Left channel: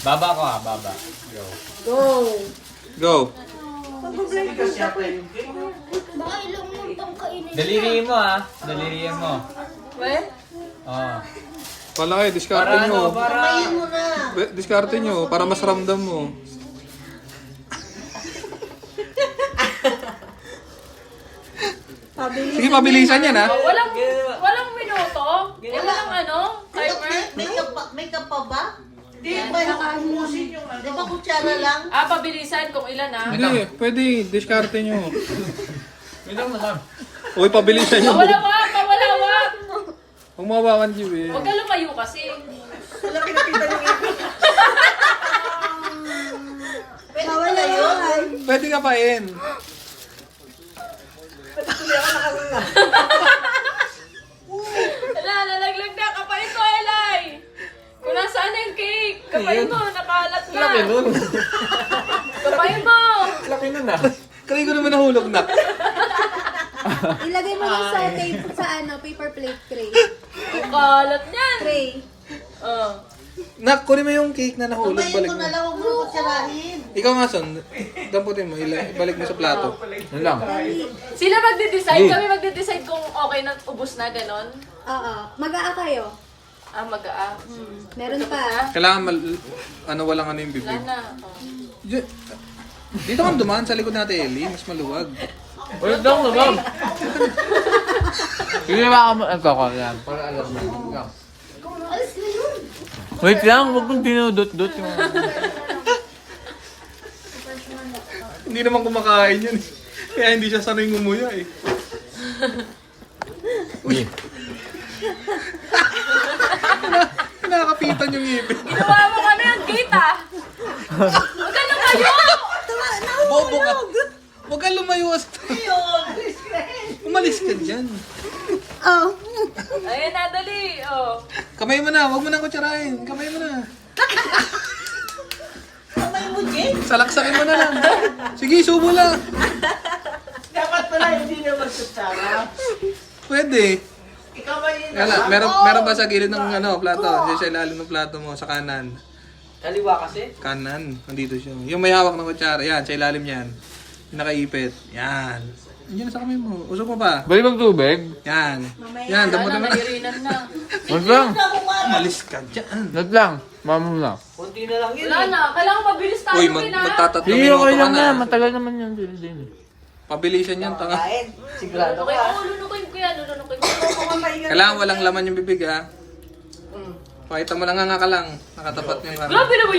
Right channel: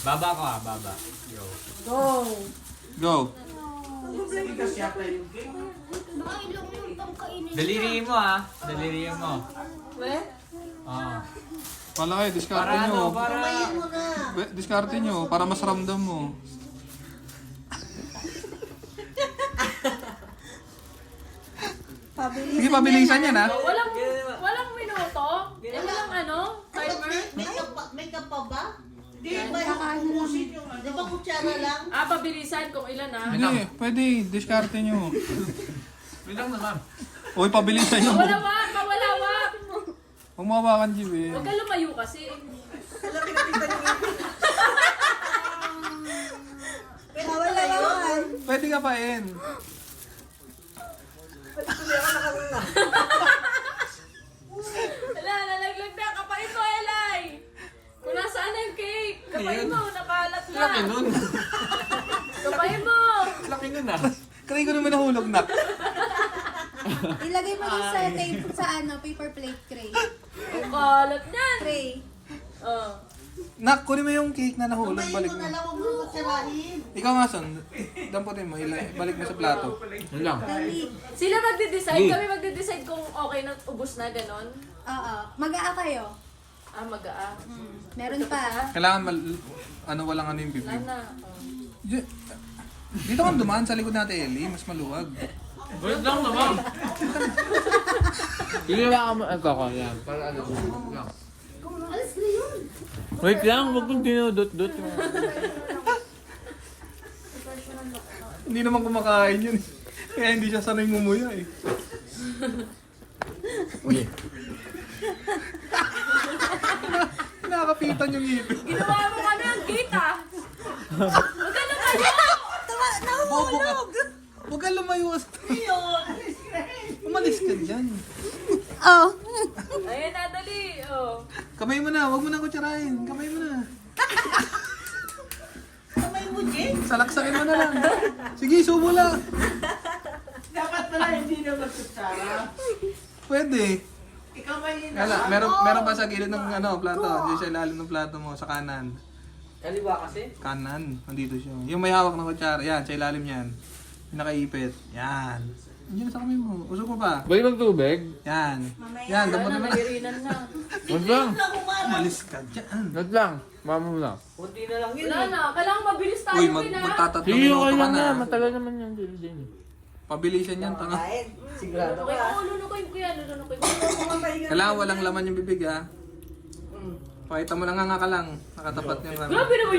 Baba ko baba. Go. Go. Go. Baka ilong mo pang kainin. Daliriin mo Daliriin mo. Weh? Pala kayo, diskarte Para nyo. Kumain mo na. Diskarte nyo, para mas ramdam mo. Sige, pabilisan yan ha. Walang minuto? Walang timer? May ka pa ba? Di ba nakakamusin yung ano? Di ba kutsara lang? Pabilisan kung ilan Hindi, pwede, diskarte nyo. Wait lang naman. Uy, pabilisan nyo. Kawalawak! Huwag mawakan nyo eh. Huwag ka lumayo kasi. Pwede ba na yun? Pwede ka pa in. Wala, nalaglag na. Kapain ko, Elay! Kung nasaan na yung cake? Kapain mo, nakalat na. Laki nun. Kapain mo! Laki nun Kaya ko naman nahulog na. Ilagay mo lang sa paper plate tray. Kalat niyan. Tray. Nak, kunin mo yung cake na nahulog, Kumain balik mo mo. na lang, huwag mo na kutsarahin. Ikaw nga, Son. Damputin mo, balik mo sa plato. Yun lang. Sila magde-decide, kami magde-decide kung okay na, ubus na, ganon. Oo. Mag-aa kayo. Mag-a. Meron pa. Kailangan walang ano yung Wala bibig. na. Dito kang dumaan sa likod natin, Eli. Mas maluwag. Wait lang naman. Sige ba ka magkakal yan? Para alam mo. Wait lang. Alis na yun. Wait lang, huwag mong dinudot-dot yung... Hindi naman kumakain yun. Kaya hindi siya sanay ngumuya eh. Uy. Nakakapitan yung ngipin. Ginawa mo kami ang gate Huwag ka lumayo! Bobo ka. Huwag kang lumayo. Umalis ka dyan. Oh. Ayan na, dali. Kamay mo na, huwag mo nang kutsarahin. Kamay mo na. Kamay mo, Jen. Salaksakin mo na lang. Sige, subo lang. Dapat pala hindi na magkutsara. Pwede. Ikaw ba yun? Meron ba sa gilid ng plato? Diyan sa ilalim ng plato mo, sa kanan. Kaliwa kasi? Kanan, nandito siya. Yung may hawak ng kutsara, yan, sa ilalim yan. Yung nakaipit, yan. Yan sa kamay mo. Usok mo pa. Balik mag tubig? Yan. Yan, damo Ano, naman. nairinan na. Wait lang. Umalis ka dyan. Wait lang. Mama na. Kunti na lang yun. Wala na. Kailangan mabilis tayo. Uy, magtatatlong Sige, minuto okay ka lang na. na. Matagal naman yan. Din. Pabilisan yan, tanga. Kain. Sigurado Okay, ka. lulunukin ko yan. Lulunukin ko. Kailangan walang laman yung bibig, ha? Pakita mo lang nga ka lang. Nakatapat yung Grabe naman yung